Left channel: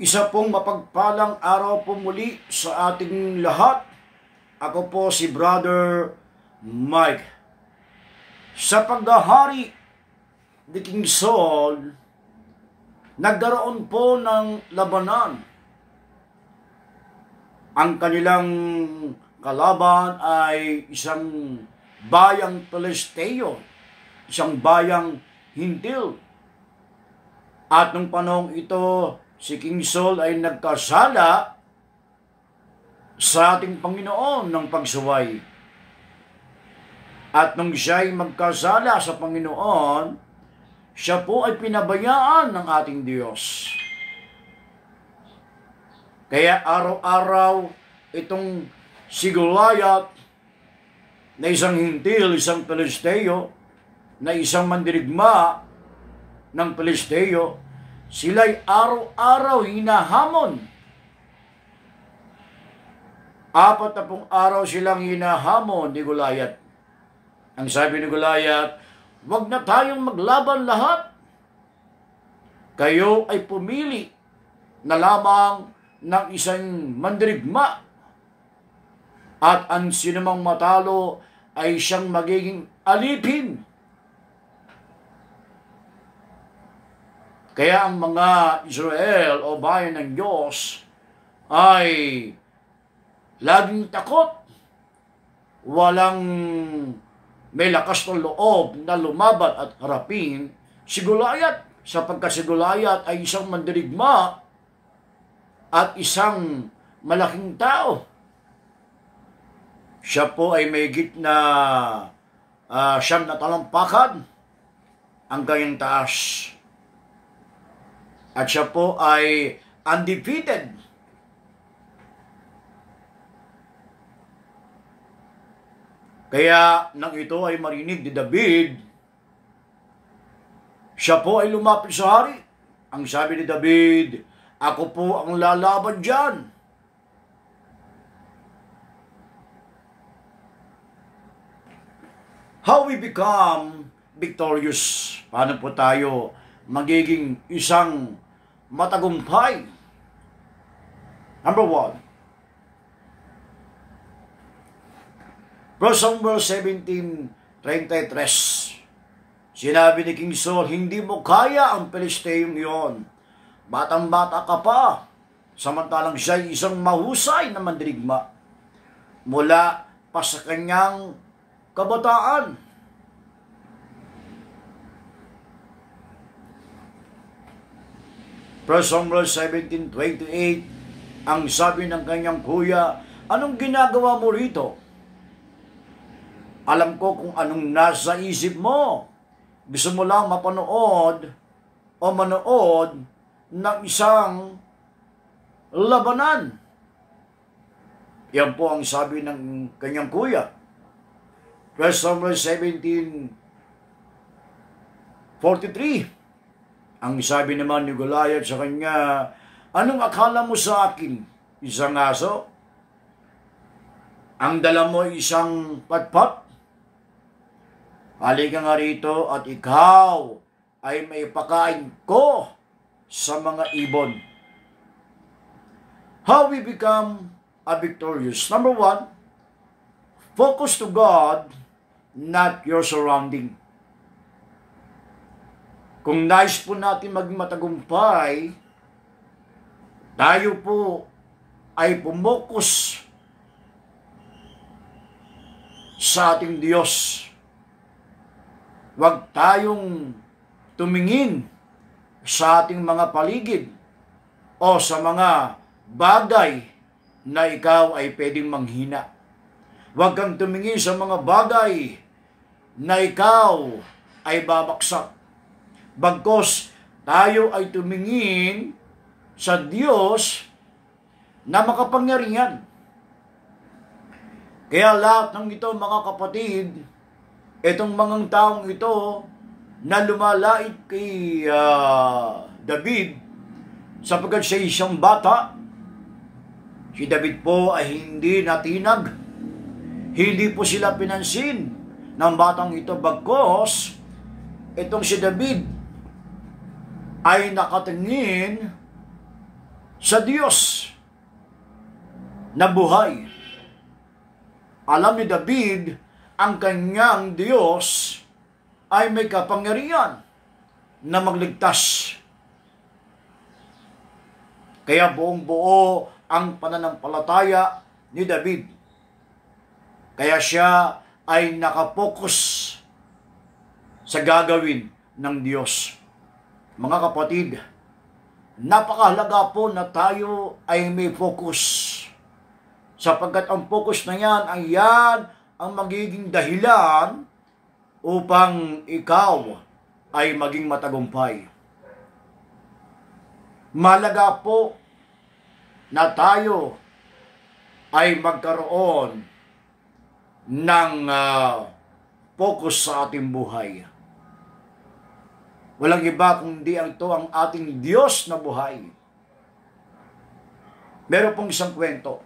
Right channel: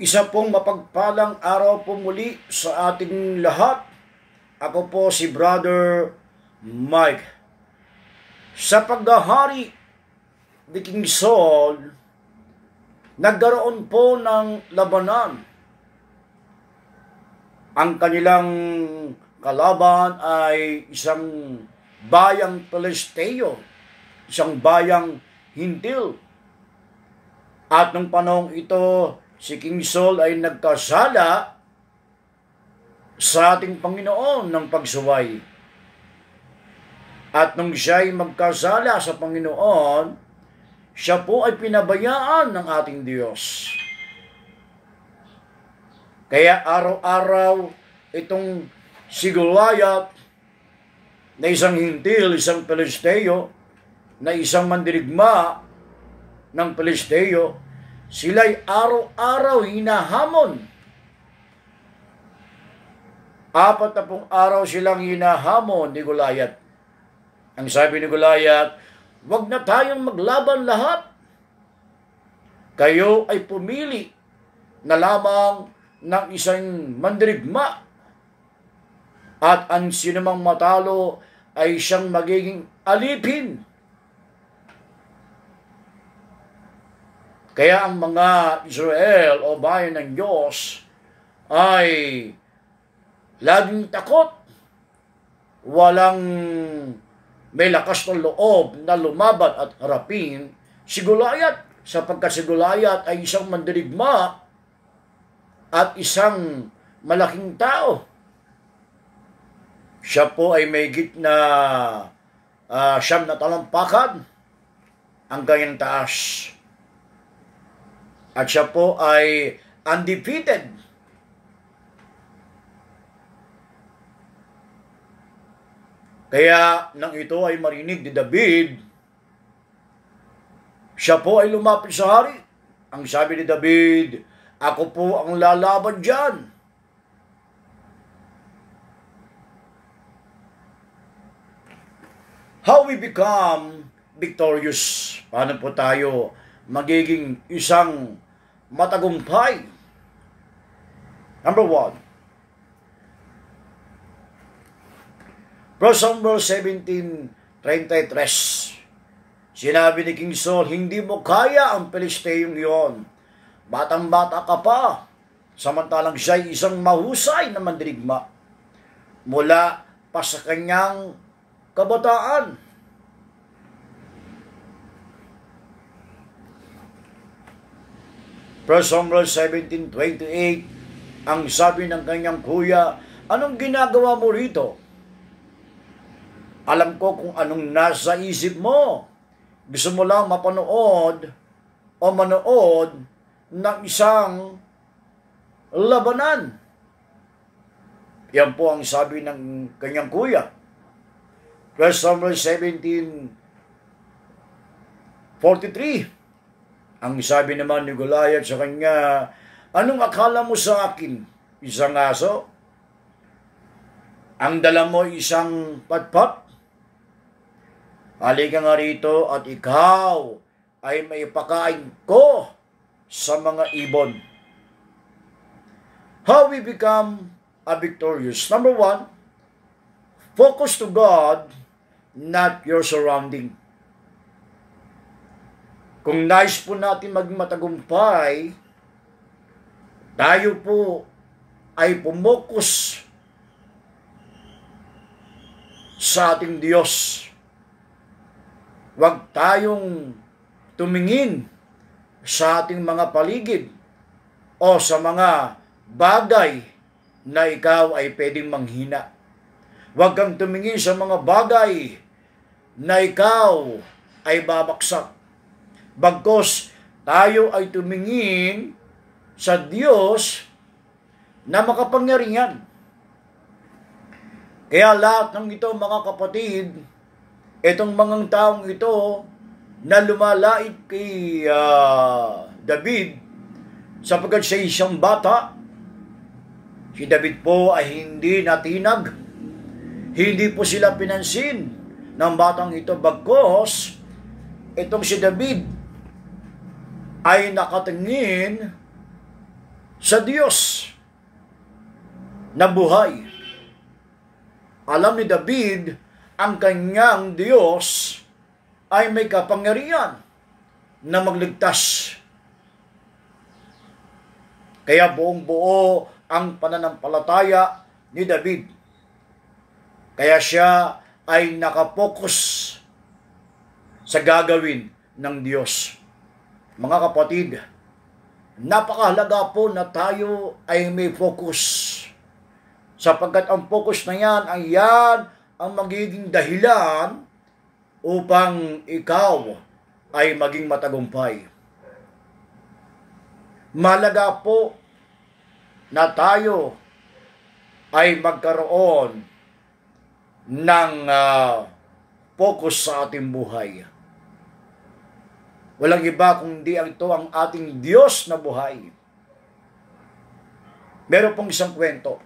Isa pong mapagpalang araw po muli sa ating lahat. Ako po si Brother Mike. Sa paghahari ni King Saul, nagkaroon po ng labanan. Ang kanilang kalaban ay isang bayang Pelisteo, isang bayang Hintil. At nung panahong ito, si King Saul ay nagkasala sa ating Panginoon ng pagsuway. At nung siya ay magkasala sa Panginoon, siya po ay pinabayaan ng ating Diyos. Kaya araw-araw itong si Goliath na isang Hintil, isang Pelisteo, na isang mandirigma ng Pelisteo, sila'y araw-araw hinahamon. 40 araw silang hinahamon ni Goliath. Ang sabi ni Goliath, "Wag na tayong maglaban lahat. Kayo ay pumili na lamang ng isang mandirigma. At ang sinumang matalo ay siyang magiging alipin." Kaya ang mga Israel o bayan ng Diyos ay laging takot. Walang may lakas ng loob na lumaban at harapin si Goliath, sapagkat si Goliath ay isang mandirigma at isang malaking tao. Siya po ay may gitna siyam na talampakan ang kanyang taas. At siya po ay undefeated. Kaya nang ito ay marinig ni David, siya po ay lumapit sa hari. Ang sabi ni David, "Ako po ang lalaban dyan." How we become victorious? Paano po tayo magiging isang matagumpay? Number 1, Samuel 17:33. Sinabi ni King Saul, "Hindi mo kaya ang Pelisteyong iyon. Batang-bata ka pa." Samantalang siya'y isang mahusay na mandirigma mula pa sa kanyang kabataan. Samuel 17:28, ang sabi ng kanyang kuya, "Anong ginagawa mo rito? Alam ko kung anong nasa isip mo. Gusto mo lang manood ng isang labanan." Yan po ang sabi ng kanyang kuya. Samuel 17:43. Ang sabi naman ni Goliath sa kanya, "Anong akala mo sa akin? Isang aso? Ang dala mo isang patpat? Halika nga rito at ikaw ay maipakain ko sa mga ibon." How we become a victorious? Number 1, focus to God, not your surrounding. Kung nais po natin maging matagumpay, tayo po ay pumokus sa ating Diyos. Huwag tayong tumingin sa ating mga paligid o sa mga bagay na ikaw ay pwedeng manghina. Huwag kang tumingin sa mga bagay na ikaw ay babaksak. Bagkus tayo ay tumingin sa Diyos na makapangyarihan. Kaya lahat ng ito, mga kapatid, itong mga taong ito na lumalait kay David, sapagkat siya isang bata, si David po ay hindi natinag. Hindi po sila pinansin ng batang ito, bagkus itong si David ay nakatingin sa Diyos na buhay. Alam ni David, ang kanyang Diyos ay may kapangyarihan na magligtas. Kaya buong buo ang pananampalataya ni David. Kaya siya ay nakapokus sa gagawin ng Diyos. Mga kapatid, napakahalaga po na tayo ay may focus. Sapagkat ang focus na yan ay yan ang magiging dahilan upang ikaw ay maging matagumpay. Mahalaga po na tayo ay magkaroon ng focus sa ating buhay. Walang iba kundi ito ang ating Diyos na buhay. Meron pong isang kwento.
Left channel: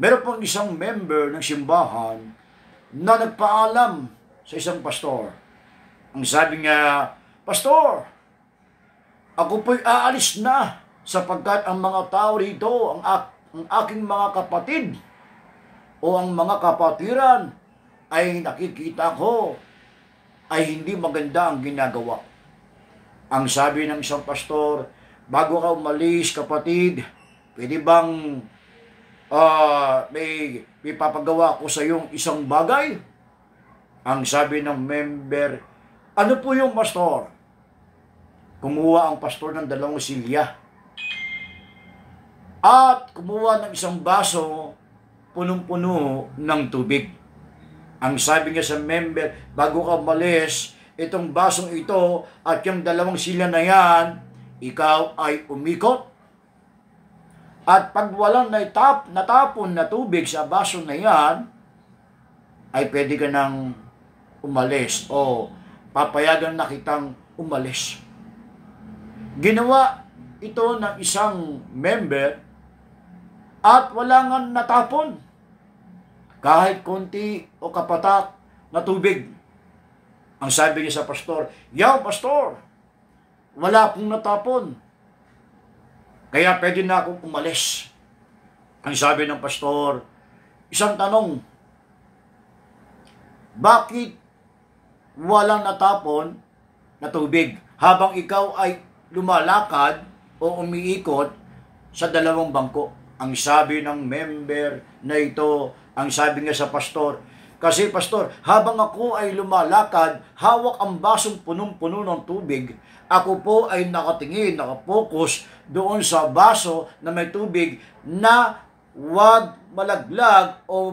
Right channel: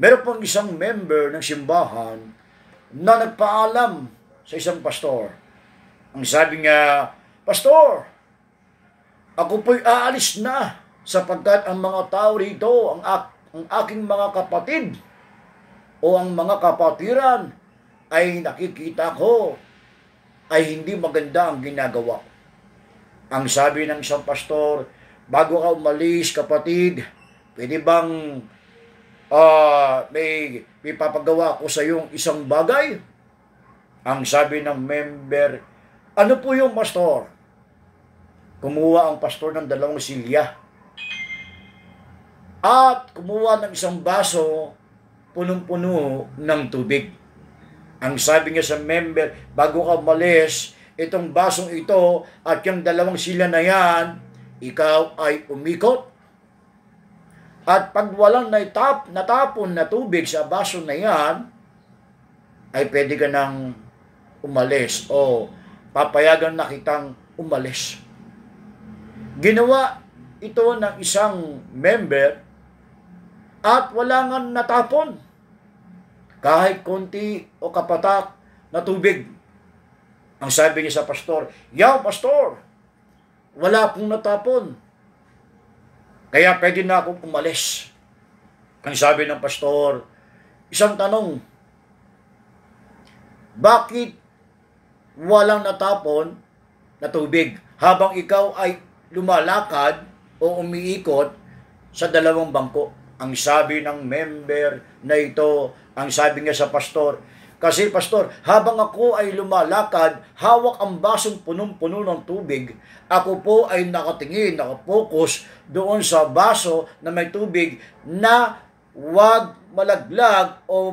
Meron pong isang member ng simbahan na nagpaalam sa isang pastor. Ang sabi niya, "Pastor, ako po'y aalis na sapagkat ang mga tao rito, ang aking mga kapatid o ang mga kapatiran ay nakikita ko ay hindi maganda ang ginagawa." Ang sabi ng isang pastor, "Bago ka umalis, kapatid, pwede bang may papagawa ko sa iyong isang bagay?" Ang sabi ng member, "Ano po yung pastor?" Kumuha ang pastor ng 2 silya at kumuha ng isang baso punong-puno ng tubig. Ang sabi niya sa member, "Bago ka umalis, itong basong ito at yung 2 silya na yan, ikaw ay umikot. At pag walang natapon na tubig sa baso na yan, ay pwede ka nang umalis o papayagan na kitang umalis." Ginawa ito ng isang member at wala nga natapon kahit konti o kapatak na tubig. Ang sabi niya sa pastor, "Yaw, pastor, wala pong natapon. Kaya pwede na akong umalis." Ang sabi ng pastor, "Isang tanong, bakit walang natapon na tubig habang ikaw ay lumalakad o umiikot sa 2 bangko?" Ang sabi ng member na ito, ang sabi niya sa pastor, "Kasi pastor, habang ako ay lumalakad, hawak ang basong punong-puno ng tubig, ako po ay nakatingin, nakapokus doon sa baso na may tubig na wag malaglag o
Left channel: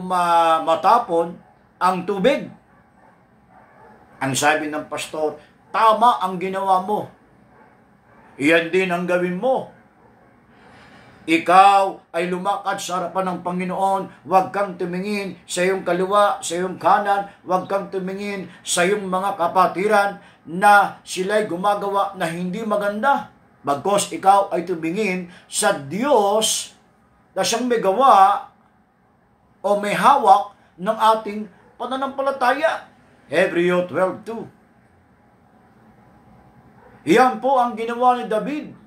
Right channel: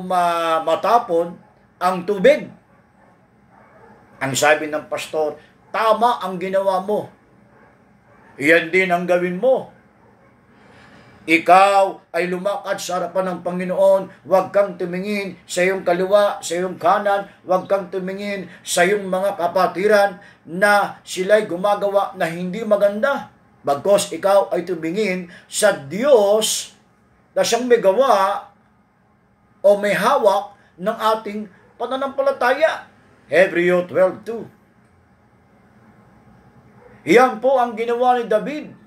matapon ang tubig." Ang sabi ng pastor, "Tama ang ginawa mo. Iyan din ang gawin mo. Ikaw ay lumakad sa harapan ng Panginoon, huwag kang tumingin sa iyong kaliwa, sa iyong kanan, huwag kang tumingin sa iyong mga kapatiran na sila'y gumagawa na hindi maganda. Bagkus ikaw ay tumingin sa Diyos na siyang may gawa o may hawak ng ating pananampalataya." Hebreo 12:2. Iyan po ang ginawa ni David.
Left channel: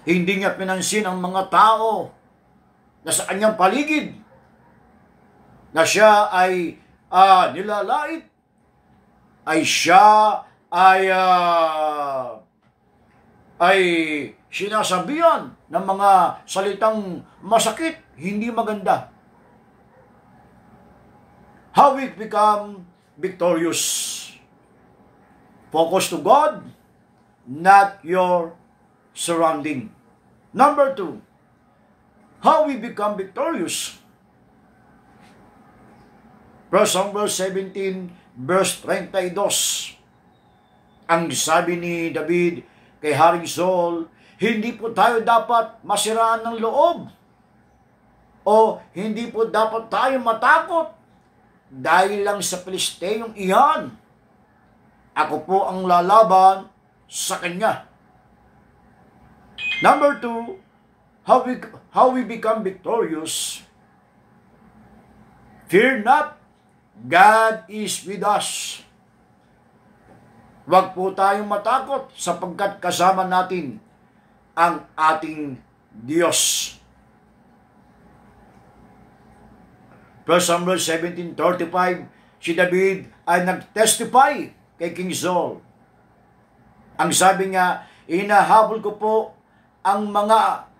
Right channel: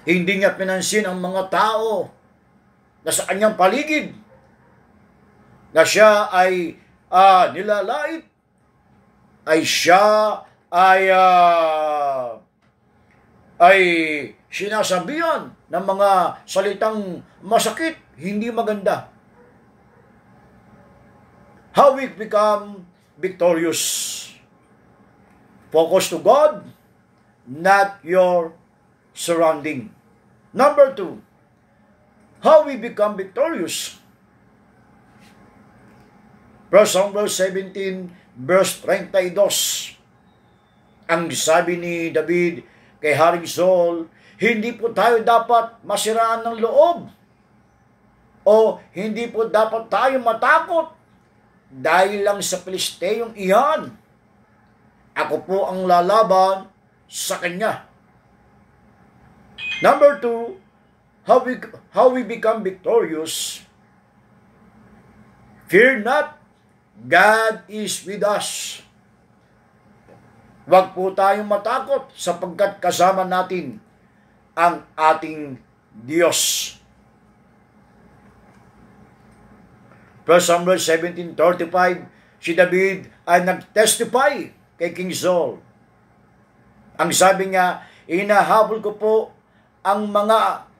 Hindi niya pinansin ang mga tao na sa kanyang paligid na siya ay nilalait, ay siya ay sinasabihan ng mga salitang masakit, hindi maganda. How we become victorious? Focus to God, not your surrounding. Number 2, how we become victorious? 1 Samuel 17, verse 32. Ang sabi ni David kay Haring Saul, "Hindi po tayo dapat masiraan ng loob o hindi po dapat tayo matakot dahil lang sa Pilisteyong iyan. Ako po ang lalaban sa kanya." Number 2, how we become victorious. Fear not, God is with us. Huwag po tayong matakot sapagkat kasama natin ang ating Diyos. 1 Samuel 17:35, si David ay nag-testify kay King Saul. Ang sabi niya, inahabol ko po ang mga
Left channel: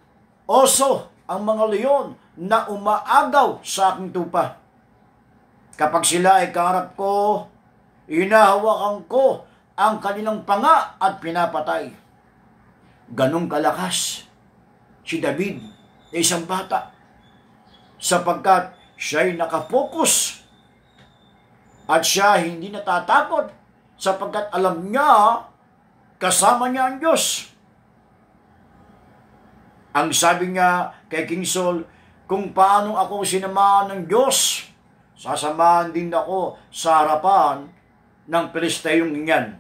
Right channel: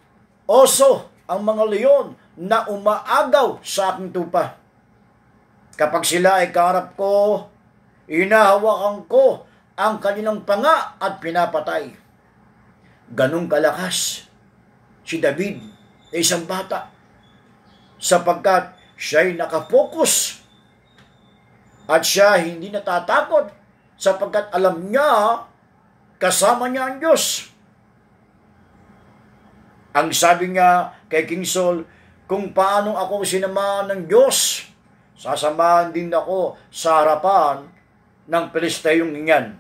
oso, ang mga leon na umaagaw sa aking tupa. Kapag sila ay kaharap ko, inahawakan ko ang kanilang panga at pinapatay. Ganong kalakas si David na isang bata, sapagkat siya'y nakapokus at siya hindi natatakot sapagkat alam niya kasama niya ang Diyos. Ang sabi niya kay King Saul, kung paano ako sinamahan ng Diyos, sasamahan din ako sa harapan ng Pilisteyong iyan.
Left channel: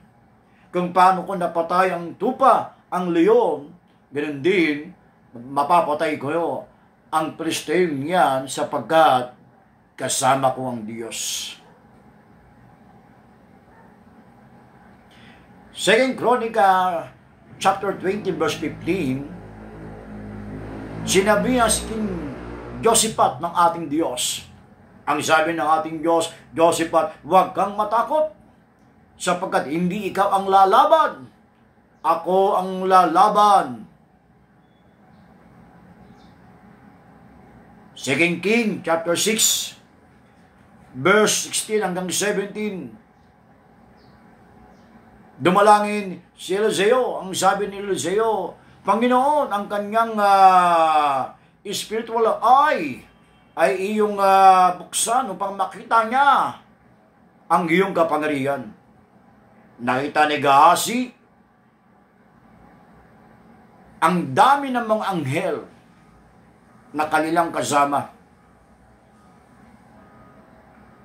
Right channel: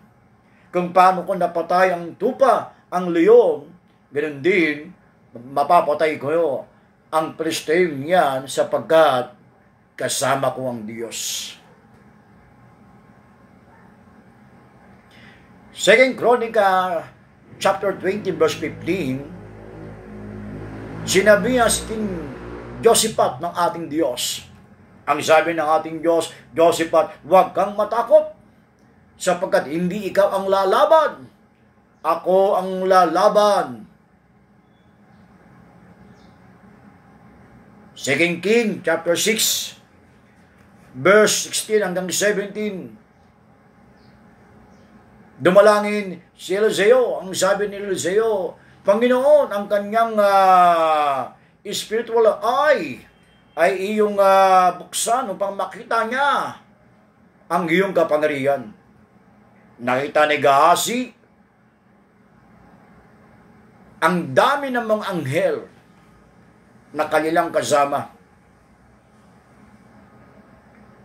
Kung paano ko napatay ang tupa, ang leon, ganoon din, mapapatay ko ang Pilisteyong iyan sapagkat kasama ko ang Diyos. 2 Chronica chapter 20 verse 15, sinabi niya si King Josaphat ng ating Diyos. Ang sabi ng ating Diyos, Josaphat, huwag kang matakot sapagkat hindi ikaw ang lalaban. Ako ang lalaban. 2 King chapter 6 verse 16 hanggang 17. Dumalangin si Eliseo. Ang sabi ni Eliseo, Panginoon, ang kanyang spiritual eye ay iyong buksan upang makita niya ang iyong kapangyarihan. Nakita ni Gehazi ang dami ng mga anghel na kanilang kasama.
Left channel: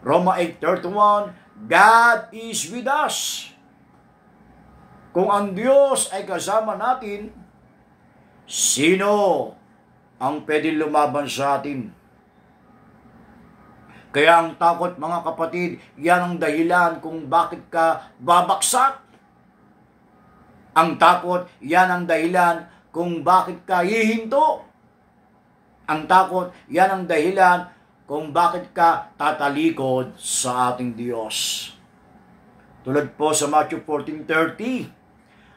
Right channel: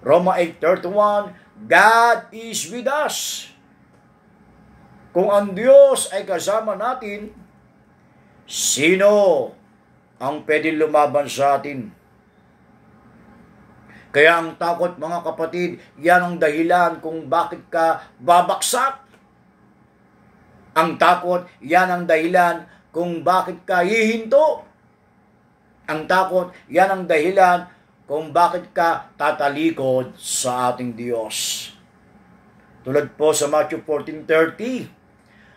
Roma 8:31, God is with us. Kung ang Diyos ay kasama natin, sino ang pwedeng lumaban sa atin? Kaya ang takot, mga kapatid, yan ang dahilan kung bakit ka babaksak. Ang takot, yan ang dahilan kung bakit ka hihinto. Ang takot, yan ang dahilan kung bakit ka tatalikod sa ating Diyos. Tulad po sa Matthew 14:30,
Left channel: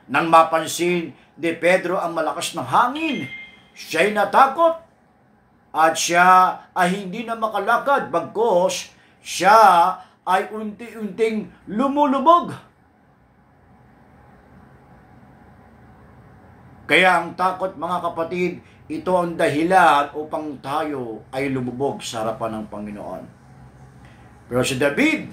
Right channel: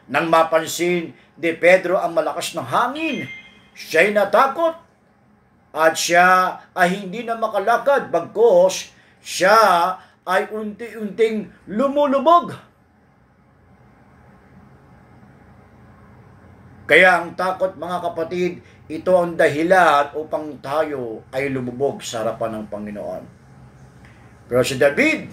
nang mapansin ni Pedro ang malakas ng hangin, siya'y natakot at siya ay hindi na makalakad, bagkus siya ay unti-unting lumulubog. Kaya ang takot, mga kapatid, ito ang dahilan upang tayo ay lumubog sa harapan ng Panginoon. Pero si David,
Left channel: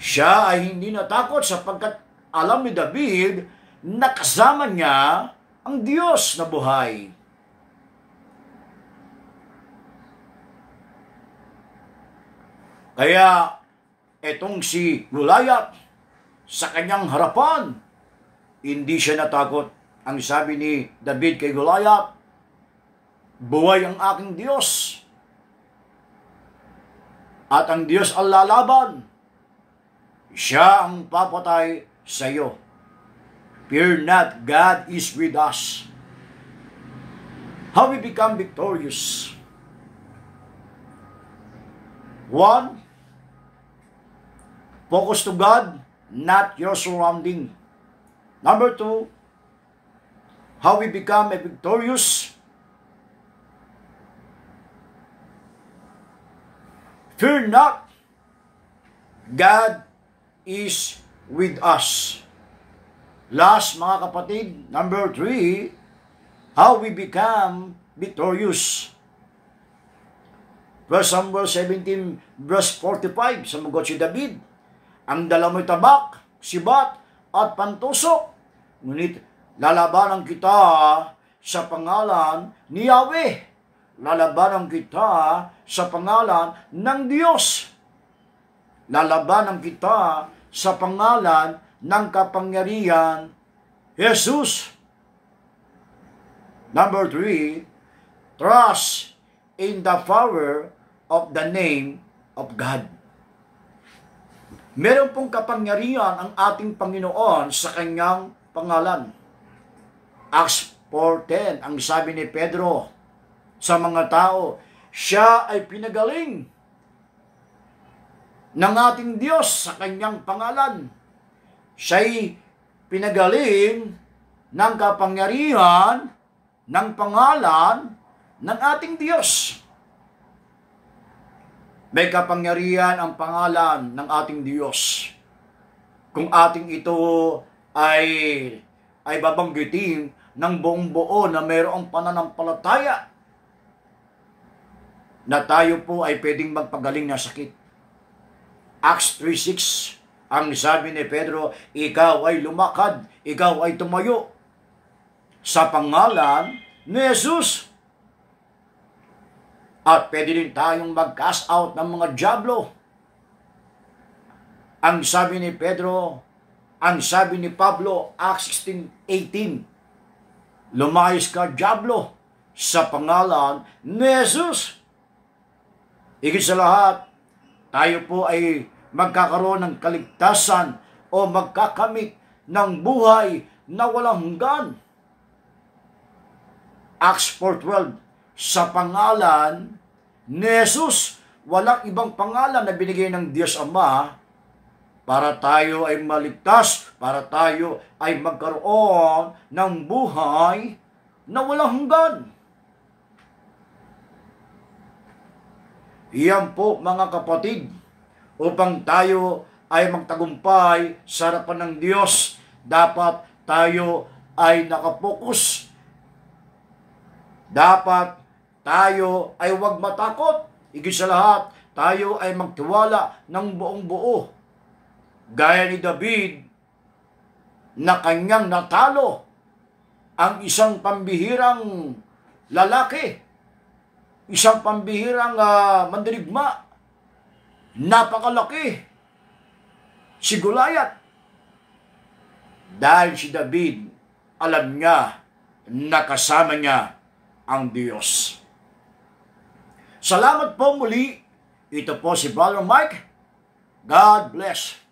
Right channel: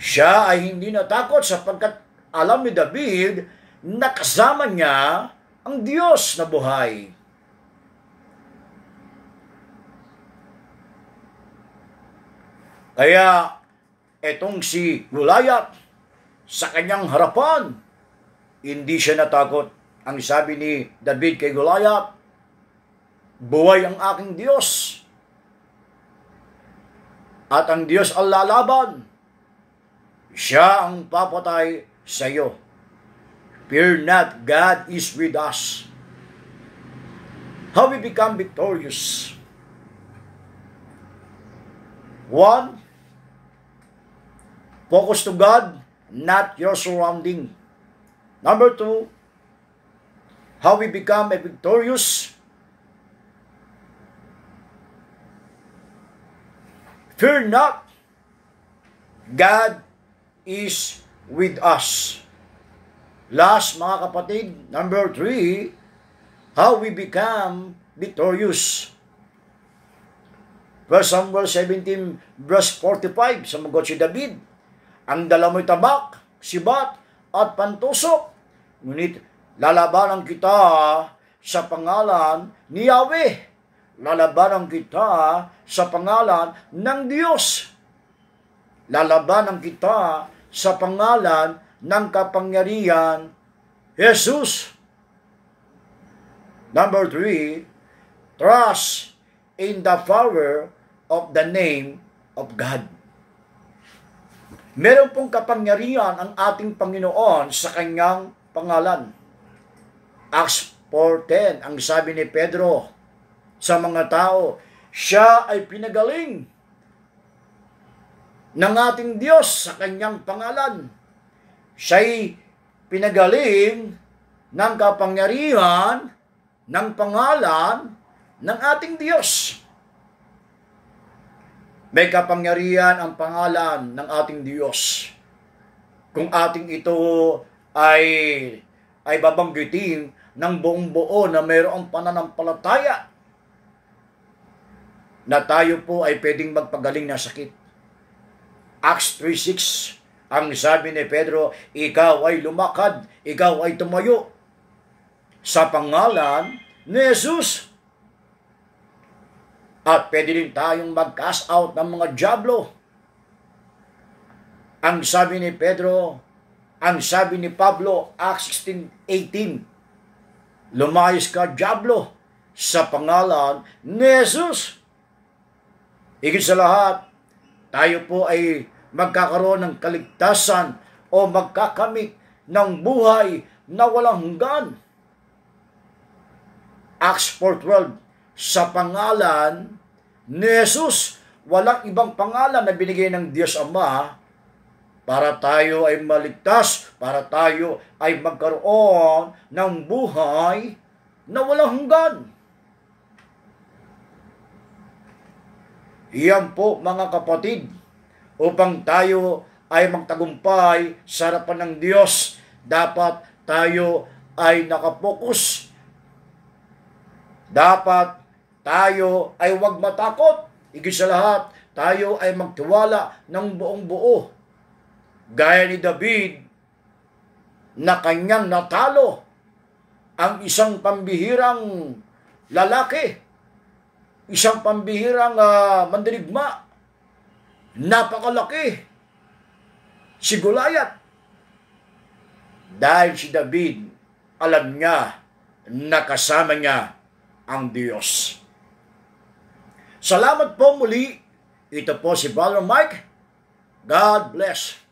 siya ay hindi natakot sapagkat alam ni David na kasama niya ang Diyos na buhay. Kaya etong si Goliath sa kanyang harapan, hindi siya natakot. Ang sabi ni David kay Goliath, buhay ang aking Diyos at ang Diyos ang lalaban. Siya ang papatay sa iyo. Fear not, God is with us. How we become victorious? 1, focus to God, not your surrounding. Number 2, how we become a victorious? Fear not, God is with us. Last, mga kapatid, number 3, how we become victorious. 1 Samuel 17 verse 45, sumagot si David, ang dala mo'y tabak, sibat, at pantusok, ngunit lalabanan kita sa pangalan ni Yahweh. Lalabanan kita sa pangalan ng Diyos. Lalabanan kita sa pangalan ng kapangyarihan, Jesus. Number 3, trust in the power of the name of God. Meron pong kapangyarihan ang ating Panginoon sa kanyang pangalan. Acts 4:10, ang sabi ni Pedro sa mga tao, siya ay pinagaling ng ating Diyos sa kanyang pangalan. Siya'y pinagaling ng kapangyarihan ng pangalan ng ating Diyos. May kapangyarihan ang pangalan ng ating Diyos. Kung ating ito ay babanggitin ng buong buo na mayroong pananampalataya na tayo po ay pwedeng magpagaling na sakit. Acts 3:6, ang sabi ni Pedro, ikaw ay lumakad, ikaw ay tumayo sa pangalan ni Jesus. At pwede rin tayong mag-cast out ng mga dyablo. Ang sabi ni Pedro, ang sabi ni Pablo, Acts 16:18, lumayas ka, dyablo, sa pangalan ni Jesus. Higit sa lahat, tayo po ay magkakaroon ng kaligtasan o magkakamit ng buhay na walang hanggan. Acts 4:12, sa pangalan ni Jesus, walang ibang pangalan na binigay ng Diyos Ama para tayo ay maligtas, para tayo ay magkaroon ng buhay na walang hanggan. Iyan po mga kapatid, upang tayo ay magtagumpay sa harapan ng Diyos, dapat tayo ay nakapokus. Dapat tayo ay huwag matakot. Higit sa lahat, tayo ay magtiwala ng buong buo. Gaya ni David na kanyang natalo ang isang pambihirang lalaki, isang pambihirang mandirigma, napakalaki, si Goliath. Dahil si David, alam niya na kasama niya ang Diyos. Salamat po muli. Ito po si Brother Mike. God bless.